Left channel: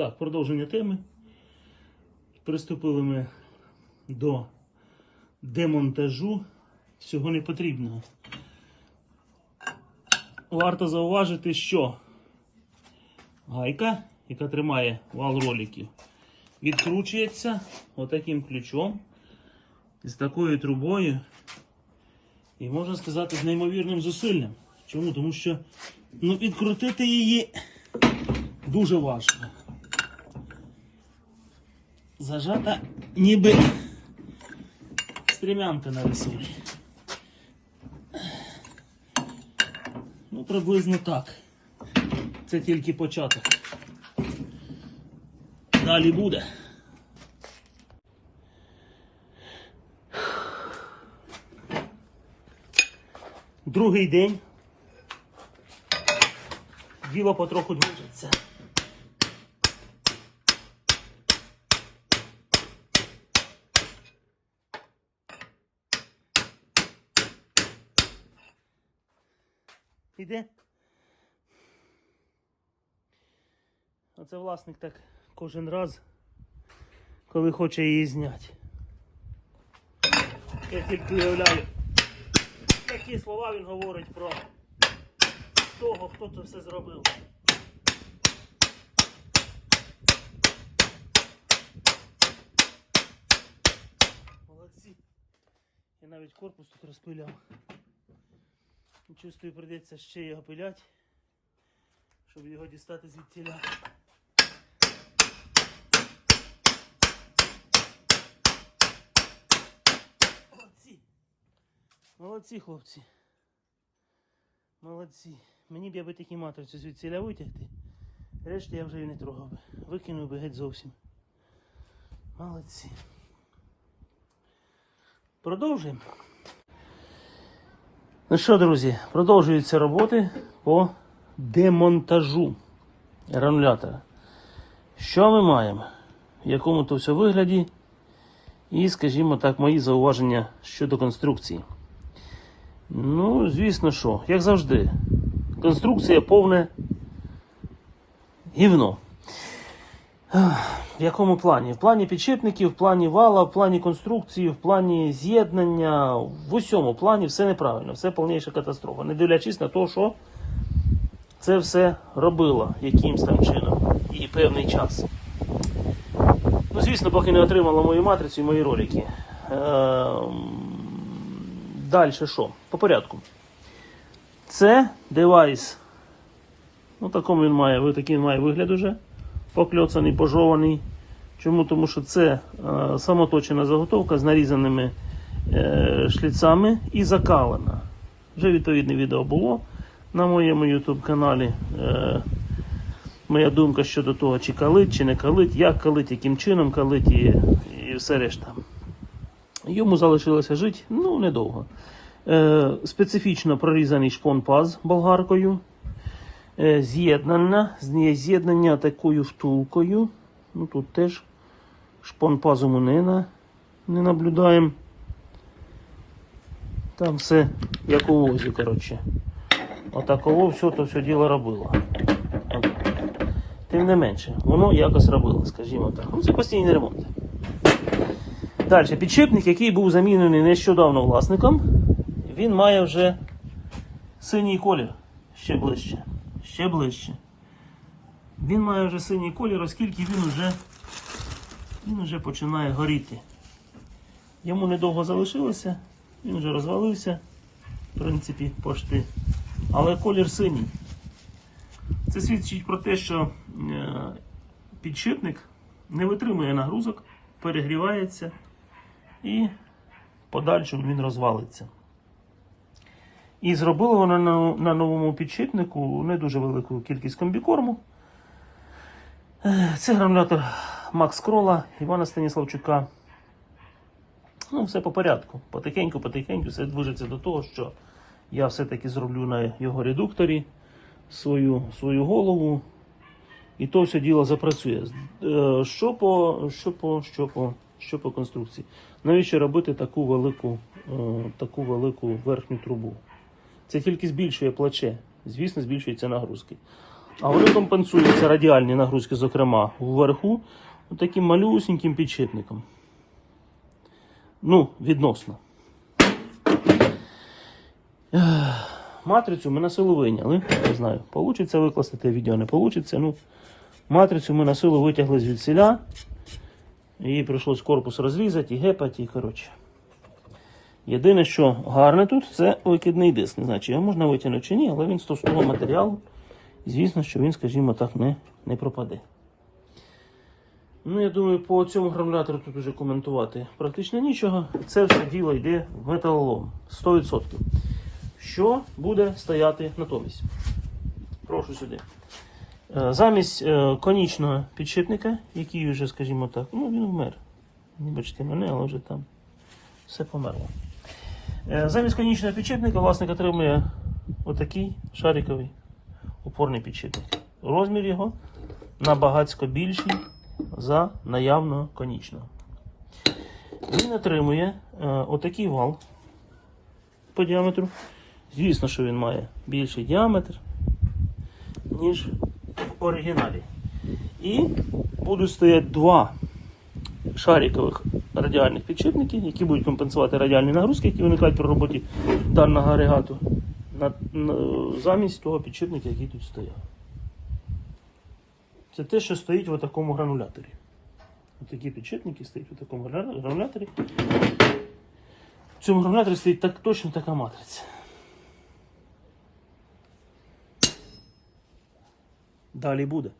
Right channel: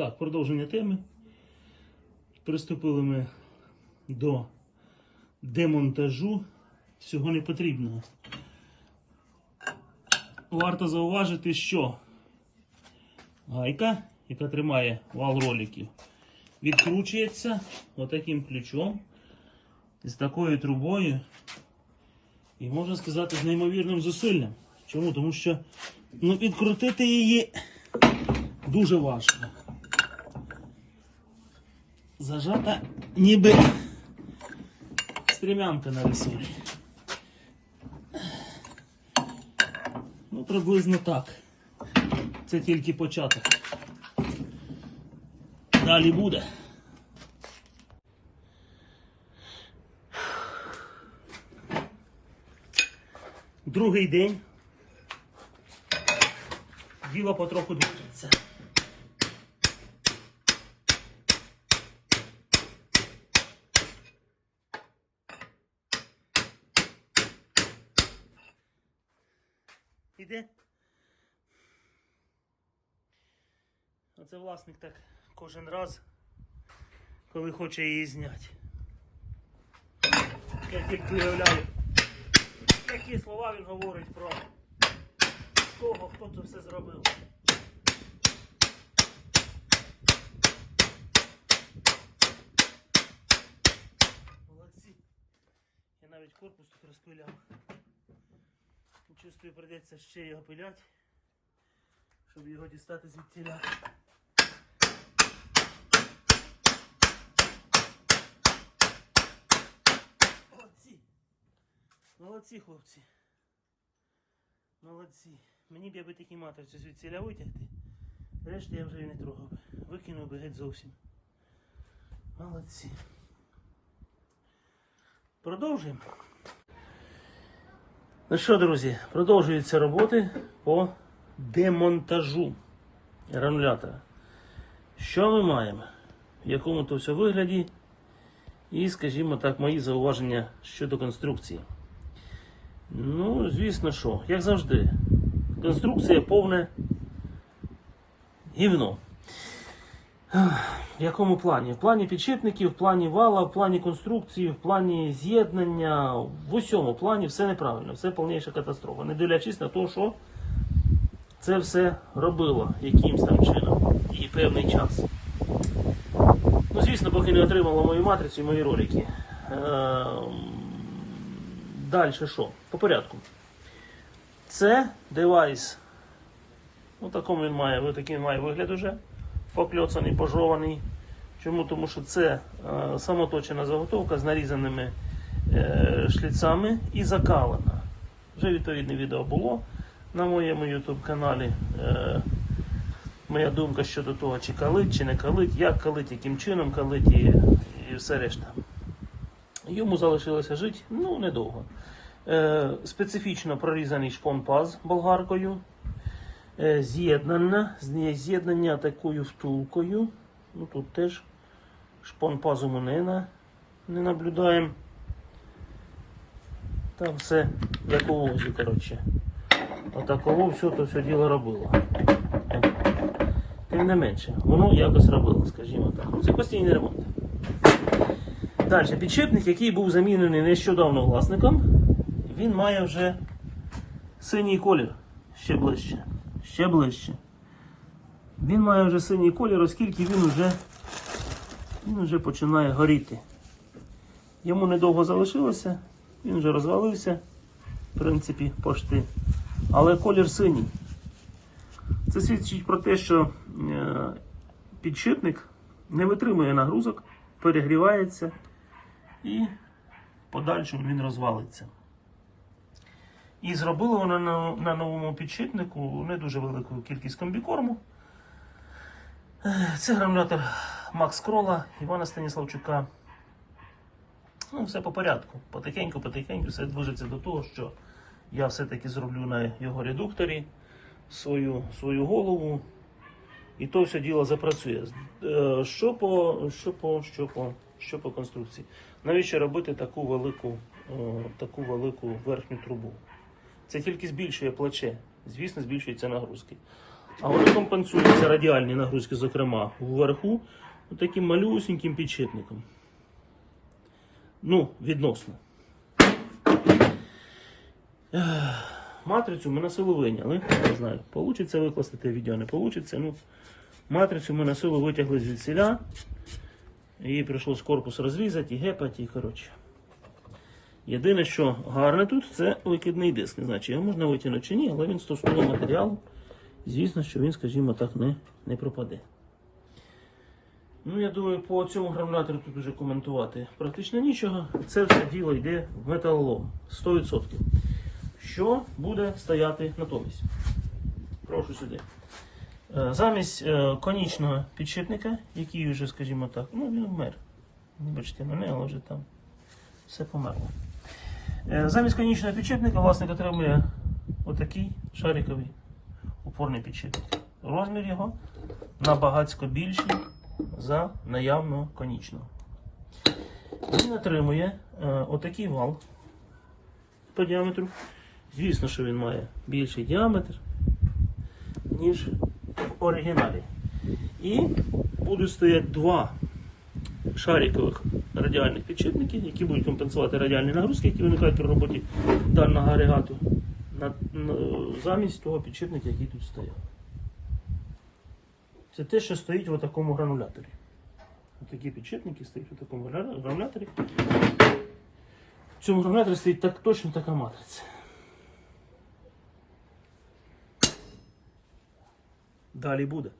Так, продовження теми. Приступили ми до демонтажу всього непотрібного. Варто зауважити, що гайка, яка тримає вал роликів, відкручується отаким ключом з такою трубою. І можна сказати, з неймовірним зусиллям. Чому? Тому що ну, відкрутити її дуже важко. Зажата ніби стрімянка на ресурі. Ну, приблизно так. Це тільки початок. Далі буде. Другий день. Діло потроху движеться. Іде. Оце власник так кожен раз, коли хоче її зняти. Я тільки уявляю, які слова він говорить про того, хто це все зробив. Молодці. Я навіть корпус тут розпиляв. Чувствую, прийдеться ще його пиляти, щоб його дістати звідтіля. Молодці. Молодці, хлопці. Молодці. Мені б я би такі матриці звідсіля витягти. Решті я вже і не трогав би. Викинув би геть зовсім. Молодці. Продовжуємо. Ну що, друзі, продовжуються роботи по демонтажу гранулятора. Що ми маємо? В якому то все вигляді? І, скажімо так, мої зауваження щодо конструкції. Ну, звісно, що, як завжди, конструкція повне гівно. В якому плані? В плані підшипників, в плані вала, в плані конструкції, в плані з'єднання, в усьому плані все неправильно, все повніша катастрофа. Не дивлячись на те, що це все робило якимсь там чином і певний час. Ну, звісно, поки не отримала мою матрицю і мої ролики. Далі що? По порядку. Це девайс. Ну, такому він має, такий має вигляд уже. Покльоцаний, пожований. Чому? Тому що це е, самоточена заготовка з нарізаними е, шліцами і закалена. Вже відповідне відео було на моєму YouTube каналі. Е, моя думка щодо того, чи калить, чи не калить, як калить, яким чином калить і, і все решта. Йому залишилося жити ну, недовго. Е, специфічно прорізаний шпон-паз болгаркою. Е, з'єднання, з'єднання такою втулкою. Ну, тут теж шпон-пазу ми не, не наблюдаємо. Там все як у возі, коротше. Отаково все то все діло робило. Тим не менше, воно якось робило, скажімо так. Ну, це постійний ремонт. Далі, підшипник, який був замінений нещодавно власником, він має вже синій колір. Ще ближче. Ще ближче. Він має вже синій колір, оскільки він вже, він вже починає горіти. Йому недовго залишилося, він вже розвалився, в принципі, пошти. Але колір синій. Це свідчить про те, що е, підшипник не витримує нагрузок, перегрівається і в подальшому він розвалиться. І зробили вони на, на новому підшипнику не дуже велику кількість комбікорму. Е, Це гранулятор Макс Крола Івана Станіславчука. Ну, все по порядку. Потихеньку, потихеньку все движеться до того, що я все-таки зроблю на його редукторі свою, свою голову. І то все діло запрацює. Е, Що по, що по, що по, що по конструкції? Навіщо робити таку велику, е, таку велику верхню трубу? Це тільки збільшує плече. Звісно, збільшуються нагрузки. А воно компенсується радіальні нагрузки, зокрема, вверху, таким малюсеньким підшипником. Ну, відносно. Матрицю ми на силу виняли. Не знаю, получиться викласти те відео, не получиться. Ну, матрицю ми на силу витягли звідсіля. Її прийшлось корпус розрізати і гепати, і коротше. Єдине, що гарне тут, це викидний диск. Не знаю, чи його можна витягнути чи ні, але він з матеріалу. Звісно, що він, скажімо так, не, не пропаде. Ну, я думаю, по цьому гранулятору тут вже коментувати практично нічого. Це все діло йде в металолом 100%. Що буде стояти натомість? Прошу сюди. Е, Замість е, конічного підшипника, який вже, скажімо так, ну він вмер. Вибачте мене, але вже там все померло. Е, Замість конічного підшипника власник отримує отакий шариковий опорний підшипник. Розмір його набагацько більший за наявного конічного. Він отримує е, отакий вал по діаметру. Звісно, що він має більший діаметр, ніж в оригіналі. І будуть стояти два шарикових радіальних підшипників, які будуть компенсувати радіальні нагрузки, які виникають при роботі даного агрегату, на, на, замість того підшипника, який тут стояв. Це те, що стоїть в такому грануляторі. Такі підшипники стоять у такому грануляторі. В цьому грануляторі стоїть так, точно така матриця. Далі буде.